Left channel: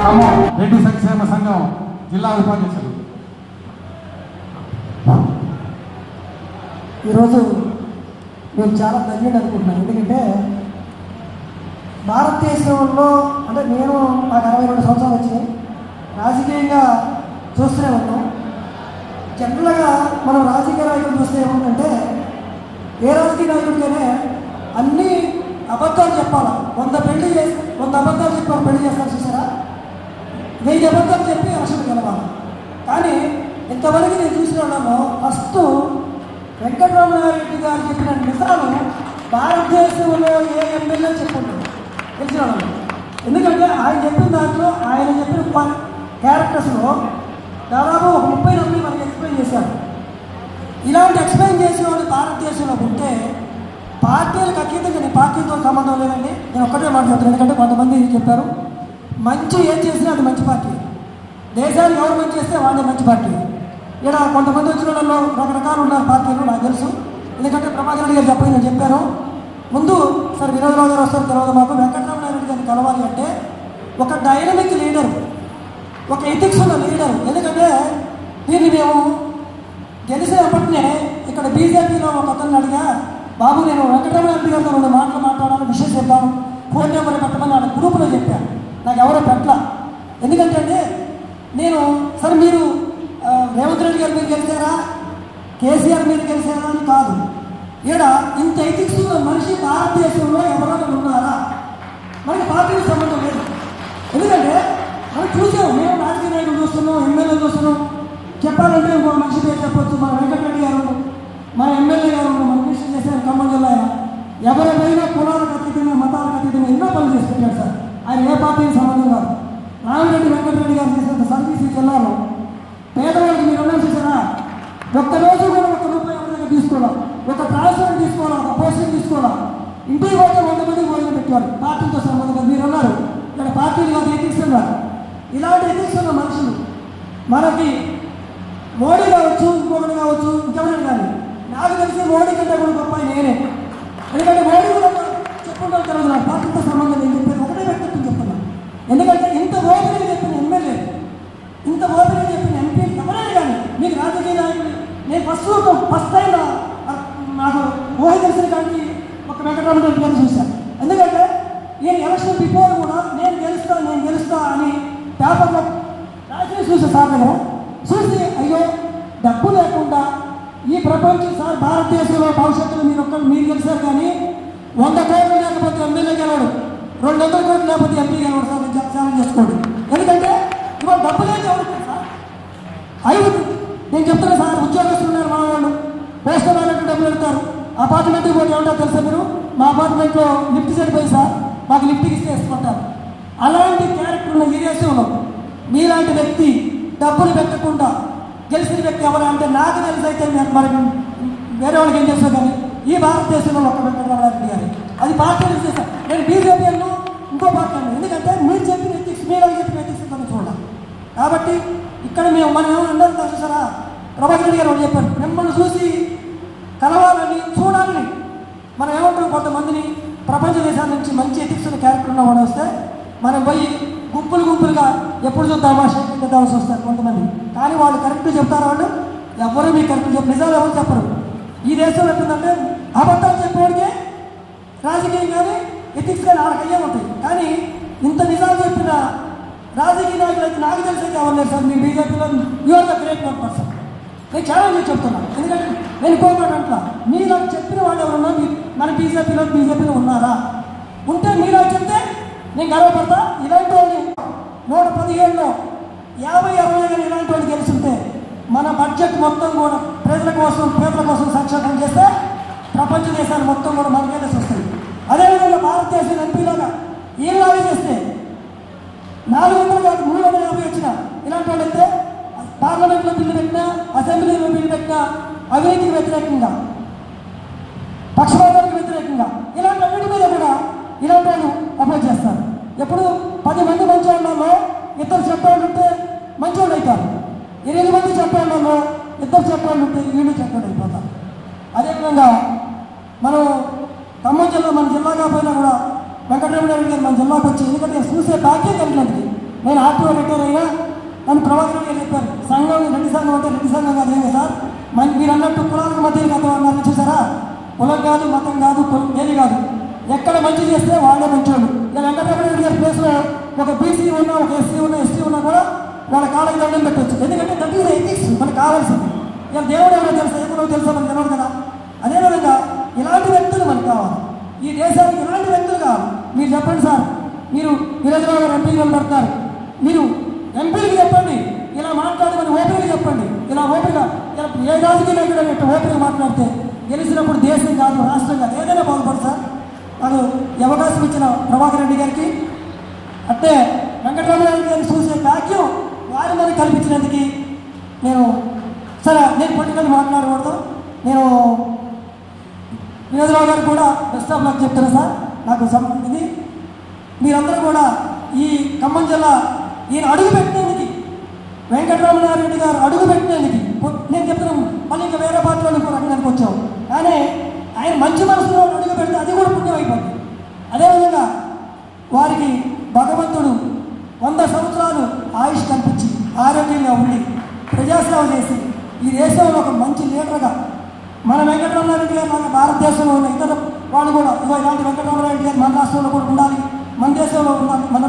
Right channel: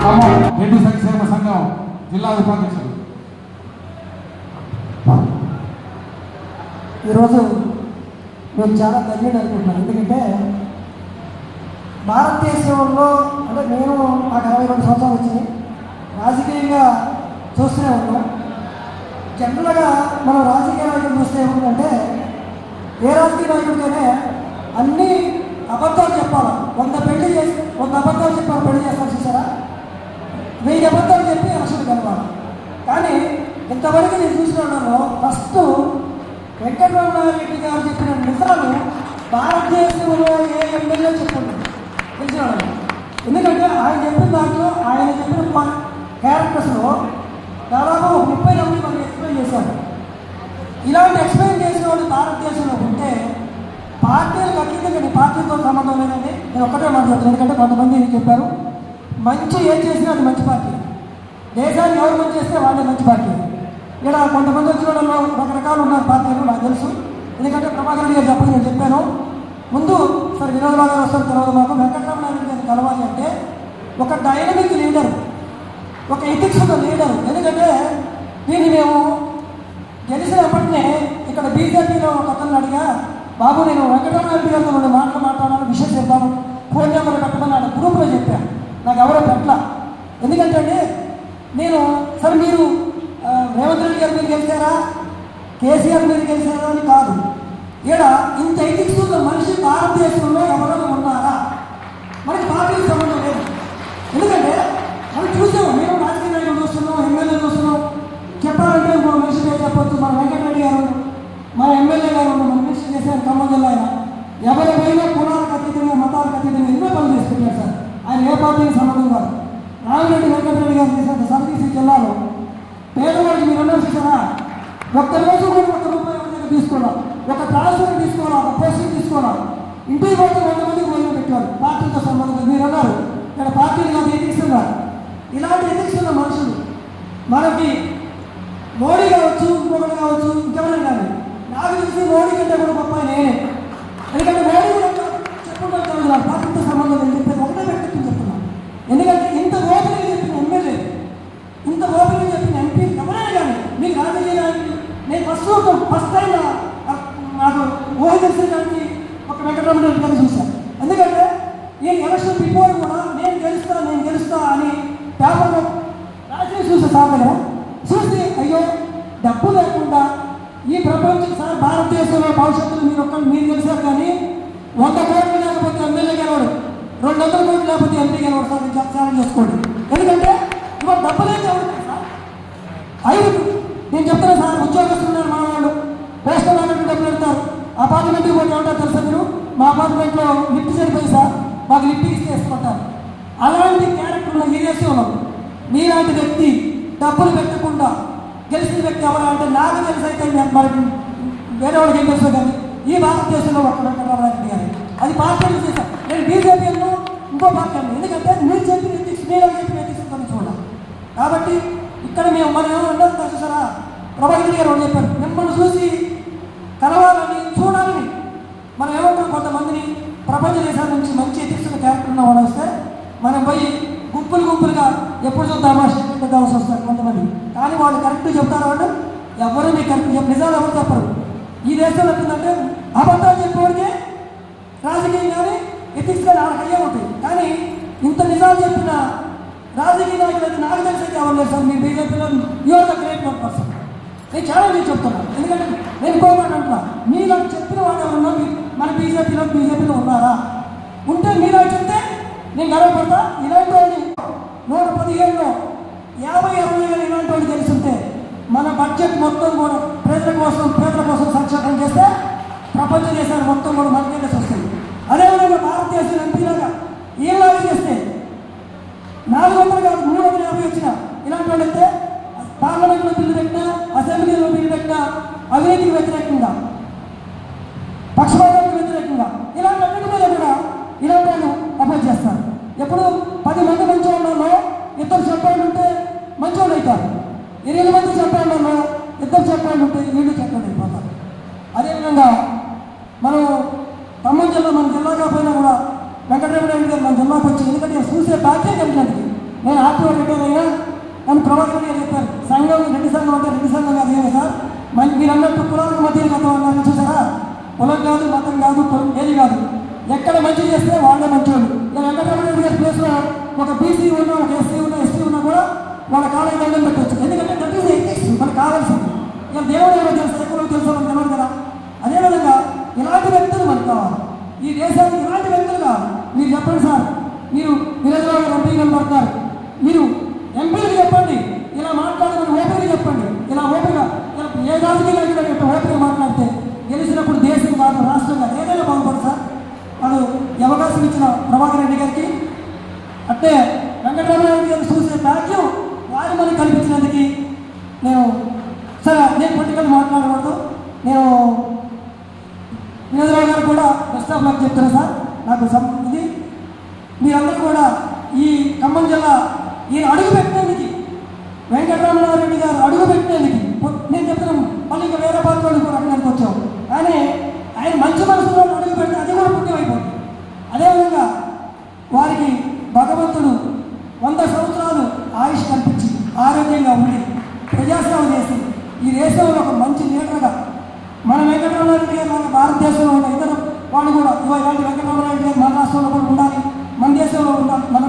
ఖమ్మం రెడ్డి సంక్షేమ సంఘం జిల్లా ఉపాధ్యక్షుడు ఈరోజు మేము చాలా ధన్యుడు అనుకుంటున్నాం. ఎందుకంటే భారతదేశంలో అంటే నేను నాకు అరవై రెండు సంవత్సరాలు వచ్చింది రాజకీయంగా చూస్తూనే ఉన్నాం. జనరల్గా మనం రాజకీయ నాయకులు చూస్తే ఏముందంటే ఏ రాజకీయ నాయకుడికైనా అన్ని అబద్ధాలు చెప్పాలి? వంద పెళ్ళి చేసి వంద అబద్ధాలు చెప్పాలి పెళ్ళి చేస్తారు వెయ్యి అబద్ధాలు చెప్పి అసలు కలవాలి కానీ ఇంతవరకు నేను చూసిన వాళ్ళలో ఫస్ట్ వెంకటరామారెడ్డి గారు చెప్పిన నిజాలు భారతదేశంలో ఏ ఎమ్మెల్యే చెప్పండి తెలిసిన ఎందుకంటే ఆయన చెప్పిన దాంట్లో ఆయన చెప్పిన క్యారెక్టర్స్లో దాదాపు ఒక ముప్పై మంది మనం ఎక్స్ప్లెయిన్ చేశాము ఇలాంటి ఎక్స్ప్లెయిన్ చేసిన వాళ్ళు భారతదేశంలో ఉంటే పార్టీలకు అతీతంగా నేను పార్టీతో సంబంధం లేదండి. నేను ఒక్కటే నాకు చెప్తాను ఎందుకంటే కొంతమంది చెప్పారు. మంచి ఏం చేసినా అది మంచి దేశాన్ని ఎవరు మంచి చేస్తే వాళ్ళే మంచి పార్టీ. ఇక్కడ కొంతమంది వచ్చిన రకరకాలు ఉన్న పార్టీలు నాకు తెలుసు. ఎందుకంటే ప్రభాకర్ రెడ్డి గారు చెప్పని నేను చెప్పాను. ముందు సరే వినోద్ రావు గారు వస్తారు తర్వాత మాకు వెంకటరామారెడ్డి గారిని కలవాలి అంటే ఒక డైనమిక్ లీడర్ ఒక ఎథిక్స్ ఉన్న లీడర్ ఎందుకంటే దీన్ని మేము గెలిచినప్పటినే ఇక్కడ బీజేపీలో ఒక అతను అడిగా బాబు నేను వెంకటరామారెడ్డి గారితో రెండు మాటలు మాట్లాడాలని విషయం చెప్పాను. ఫోన్ నెంబర్ కట్టమని నా గ్రూప్లో చెప్పాను నాకు ఎవరో పెట్టల ఎందుకంటే అండి నేను సరే మీరు ఆ, రేవంత్ రెడ్డి గారి మీద గెలిచారా కేసీఆర్ మీద కేసీఆర్ అని కాదు. ఈడ ఇంత ఎథిక్స్ మనిషి భారతదేశంలో ఎవరైనా ఉన్నారా? మనకి పార్టీ సంబంధం లేదు ఎందుకంటే మనం చూసాం మేము రాజకీయ నాయకులు చూస్తున్నాం ఎమ్మెల్యే చూస్తున్నాం. చెప్పాలంటే ఇంకో మనిషి పేరు చెప్పొచ్చు మన వెంకటరెడ్డి గారు మా ఎమ్మెల్యే గారు మన మినిస్టర్ చేశారు ఖమ్మం జిల్లా ఆయన. ఎవరైనా కులాలకు అతీతంగా మతాలకు అతీతంగా ఎన్నో పనులు చేస్తున్నారు సార్. ఆయన ఏ పార్టీకి సంబంధం కాదు. రామిరెడ్డి వెంకటరెడ్డి గారు చేసిన సర్వీస్ జిల్లాలో. పేదవాడికి మీరు ఒక్క రోజు కూడా ఒక్క రూపాయి కూడా తీసుకోవడం ఒక ట్రాన్స్ఫర్ తీసుకోవడం ఒక పోస్టింగ్ తీసుకోవడం ఇంటికి పోతే వంద మందికి మొదలు పెట్టారు. పార్టీతో సంబంధం మీరు అన్నారు ఇక్కడ పార్టీలు కాదు ఎథిక్స్ ఉన్నారు ఇలాంటి ఎథిక్స్ ఉన్న మనుషులు మనకి మోడీ కావచ్చు ఇంకొకటి కావచ్చు ఇంకెవరైనా కానీ నాకు తెలిసి మోడీ కంటే కూడా గొప్ప నేనే. ఎందుకంటే మోడీ చెప్పుకుంటారు కదా నా పార్టీతో సంబంధం లేదు చెప్పేది ఒకటే వ్యక్తిత్వం చెప్తున్నాను ఎందుకంటే ఇంత ఓపెన్గా చెప్పిన ఎమ్మెల్యే ఇంత ఓపెన్గా చెప్పిన ఎంపీ ఎవరైనా కానీ మీకు రాజకీయ నాయకులు నేను ఫస్ట్ ఒక ఫస్ట్ టైం నాకు ఊహ తెలిసిన కానీ ఒక వెంకటరమణ రెడ్డి గారిని చూశాను ఎందుకంటే నేను ఎలక్షన్ బిఫోర్ కూడా నేను గెలుస్తా నేను గెలుస్తా అని పేపర్లో రాసి చూసా సార్ దగ్గర చూసి అయ్యో డబ్బు లేకుండా ఈ ప్రపంచం సార్ భారతదేశంలో భవిష్యత్తులో మీరు ఒక్కరు మీరు గెలిచారు కానీ వంద కోట్లు లేకపోతే ఎమ్మెల్యే గెలవడు. రెండు వందల కోట్లు లేకపోతే ఎంపీ గెలవడు. సార్ మీరు చేసుకోండి. ఎందుకంటే ఇవాళ డబ్బు లేదు సార్? ఐదు నేను చెప్తున్నా సార్ ఉద్యోగస్తులు ఉన్నారు మా వాళ్ళు. పోస్టల్ వాళ్ళకి డబ్బులు పెడతారు. అపార్ట్మెంట్కి పోతే ఏంటో తెలుసా మీరు? మా అపార్ట్మెంట్లో లిఫ్ట్ సరిపోయి సార్. మాకు లిఫ్ట్ ఇస్తే ఇస్తుంటారు అలాంటి క్యారెక్టర్ ఉన్న ఈ దేశంలో నీలాంటి వ్యక్తి డబ్బులు పెట్టకుండా గెలిచిన వ్యక్తి ఎవరంటే నాకు తెలిసి అయితే మరి వేరే వాళ్ళకి ఏం తెలుసు కానీ ఈ భారతదేశంలో ఒక్క వెంకటరామారెడ్డి గారు అది పార్టీ చేశాను నేను బీజేపీలో ఇంకో పార్టీ ఎందుకంటే మీరు చెప్పిన ఎథిక్స్ మీరు చెప్పిన ఎథిక్స్ చూడాలి. కాబట్టి ఇక్కడ మేము మనం ఏమన్నా తెలుసారా? ప్రభాకర్ గారు చెప్పారు. మిమ్మల్ని చూసి కలవాలని చూడాలని. మనం ఏమంటాం కొంతమందిని ప్రపంచ దేశాల నుంచి మంచి ఎథిక్స్ క్యారెక్టర్ ఉన్న వాళ్ళు వస్తే మనం పోయి గుంపులు గుంపులుగా ఎప్పుడు చూద్దామా చూద్దామని వస్తారు కొంతమంది. కానీ వాళ్ళు కరెక్ట్ చెప్తారు వాళ్ళు ఎవరు మీకు కరెక్ట్ చెప్పు నిజాలు ఎవరు చెప్పరు. ఈ దేశంలో ఎట్లుందంటే అబద్ధాలు చెప్పేవాడికి రాజకీయం కానీ ఎథిక్స్ కానీ ఆడకయ్యే ఉంటాయి కానీ ఇంత నిజాలు చెప్పిన రాజకీయ నాయకులు అయితే నాకు తెలిసి ఎవరు లేదు సార్. మీ బీజేపీలో you are the great one person నేను చాలా మీకు చెప్తున్నాను. ఎందుకంటే నేను కోరుకుంటా మీరు చెప్పిన వాళ్ళు ఎవరన్నా మన బీజేపీలో బీజేపీలో ఉన్నారా? ఉంటే మీరు చెప్తే నేను గర్వపడతా. ఇలాంటి వాళ్ళు నూట పదిహేనులో యాభై అరవై వేలు ఇలాంటి వాళ్ళు గెలిచింటే మన బడ్జెట్ మొత్తం కూడా ప్రజల కోసం ప్రజల కోసం సంక్షేమం చేస్తే ప్రపంచ దేశాలు మొత్తం మనం మన మీద వస్తాయి. అదేవిధంగా భారతదేశం ఎంపీలాగా ఏం వాళ్ళు చేస్తే? నాలుగు వందలు కాదు మూడు వందల యాభై వచ్చిన ఇలాంటి వాళ్ళైతే పార్లమెంట్లో బిల్లు పెట్టినా అసెంబ్లీలో బిల్లు పెట్టినా అవినీతికి వ్యతిరేకంగా పక్షపాతానికి వ్యతిరేకంగా ఇలాంటి అన్నిటి మీద కూడా ఇలాంటి వాళ్ళు అపోజ్ చేస్తారు. ఎప్పుడు పది మంది మంచి వాళ్ళలో ఇద్దరు చెప్పాలంటే మంచి వాళ్ళు అవుతారు. ఎనిమిది మంది చెప్పాళ్ళలో ఇద్దరు చక్రాలు ఉంటే వీళ్ళు చెప్పాడు వెళ్ళిపోతాం. అదేవిధంగా మనం ఖమ్మం జిల్లా మన జిల్లా కాకపోయినా కూడా వెంకటరామరావు గారు మన జిల్లాకు వచ్చి ఎందుకంటే చూసే బాధ్యత ఏంటంటే నేను ఆర్టీఓ రిటైర్ అయినా నన్ను ప్రభాకర్ గారు చెప్పారు సంఘం రెండు సంఘం అంటే రెండు సంఘం కాదు ఏమో సార్? మరి మీరు అన్నట్టు కులాలకు మధ్య గతం అన్నారు చూసారా? కులం కాదు మతం కాదు ఏది కాదు. ఎక్కడ మంచి చేస్తే వాళ్ళే మంచోళ్ళు. ఇలా వెంకటరమణ రెడ్డి గారి ప్లేస్లో ఒక బీసీ ఉన్నా ఒక ఎస్సీ ఉన్నా ఎస్టీ ఉన్నా కూడా వాళ్ళ కాలం దండం పెట్టచ్చు ఎందుకంటే దట్ ఈస్ ఎథిక్స్. మనకు ఇలా దేవుడు ఏమో తెలుసు ఎక్కడో తెలుసా మనకు తెలియదు కదా. అదేవిధంగా ఇలాంటి వ్యక్తులు మనకు కావాలి. ఈ దేశానికి ఇలాంటి వ్యక్తులు కావాలి. మీరు చెప్పండి సార్ మీరు విలేజ్లో ఎంపీలు ఎంపీగా పడతారు మీరు ఎంపీలకు చెప్పండి ఇలా మాట్లాడమని ఓపిక చెప్పండి. ఇలా ఓపిక ఇలా ఏ రాజకీయ నాయకుడు అనేట్టు ఓపిక మాట్లాడితే గెలిచినప్పుడు దేశం కాదు రాష్ట్రం కాదు ఏదైనా బాగుపడదు సార్. అది అవకాశం ఇచ్చిన ప్రభాకర్ రెడ్డి గారికి. అంటే వెంకటరామరెడ్డి గారిని చూసే భాగ్యం వారి మనకి కల్పించినందుకు నేను నేను మాట్లాడకూడదు. నేను వినోదరావు గారు కూడా బెస్ట్ ఆఫ్ లక్ చెప్తాను సార్. నాకు ఇది మీరందరూ కూడా ఈ ఖమ్మం జిల్లా ఈయన అడుగు పెట్టినందుకు వెంకటరమణారెడ్డి గారు అడుగు పెట్టినందుకు నేను చెప్తున్నాను మళ్ళీ ఇంకా వేరే పార్టీ వాళ్ళు కూడా అడగడానికి వచ్చాం కానీ ఆయన మంచి మనసులో అడుగు పెడితే అది కూడా పుణ్యం అయిపోతుంది అదేవిధంగా వారికి భగవంతుడు వంద సంవత్సరాలు ఆయుష్ కల్పించి ఆరోగ్యంగా ఉండి ప్రజాసేవ చేసి ఈ దేశంలో ఒక మంచి లీడర్గా మన వెంకటరమణారెడ్డి గారు మన భారతదేశంలో ఉన్న ఇతర వాళ్ళు కూడా ఇగో ఇలాంటి వెంకటరామరాయుడు గారు మన రాష్ట్రంలో కూడా ఉండాలి. మన దేశంలో ఉండాలి. మన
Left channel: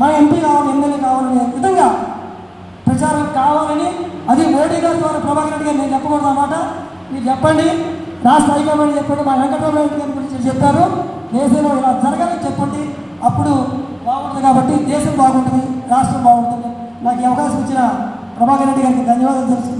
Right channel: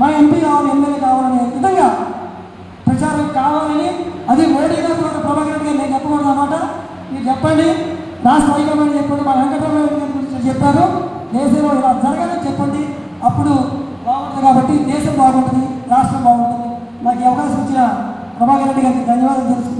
మన ఎంపీ కావాలి ఎమ్మెల్యే కావాలనే విధంగా ప్రచారం కావాలని అది మోడీ గారు ద్వారా ప్రభాకర్ గారు నేను చెప్పకూడదు అన్నమాట. మీరు చెప్పండి. రాష్ట్ర హైకమాండ్ చెప్పండి. మా వెంకటరామరాయుడు గారి గురించి చెప్పారు. దేశంలో ఇలా జరగాలని చెప్పండి. అప్పుడు బాగుంటుంది కాబట్టి దేశం బాగుంటుంది రాష్ట్రం బాగుంటుంది. నాకు ఈ అవకాశం ఇచ్చిన ప్రభాకర్ రెడ్డి గారికి ధన్యవాదాలు తెలుసు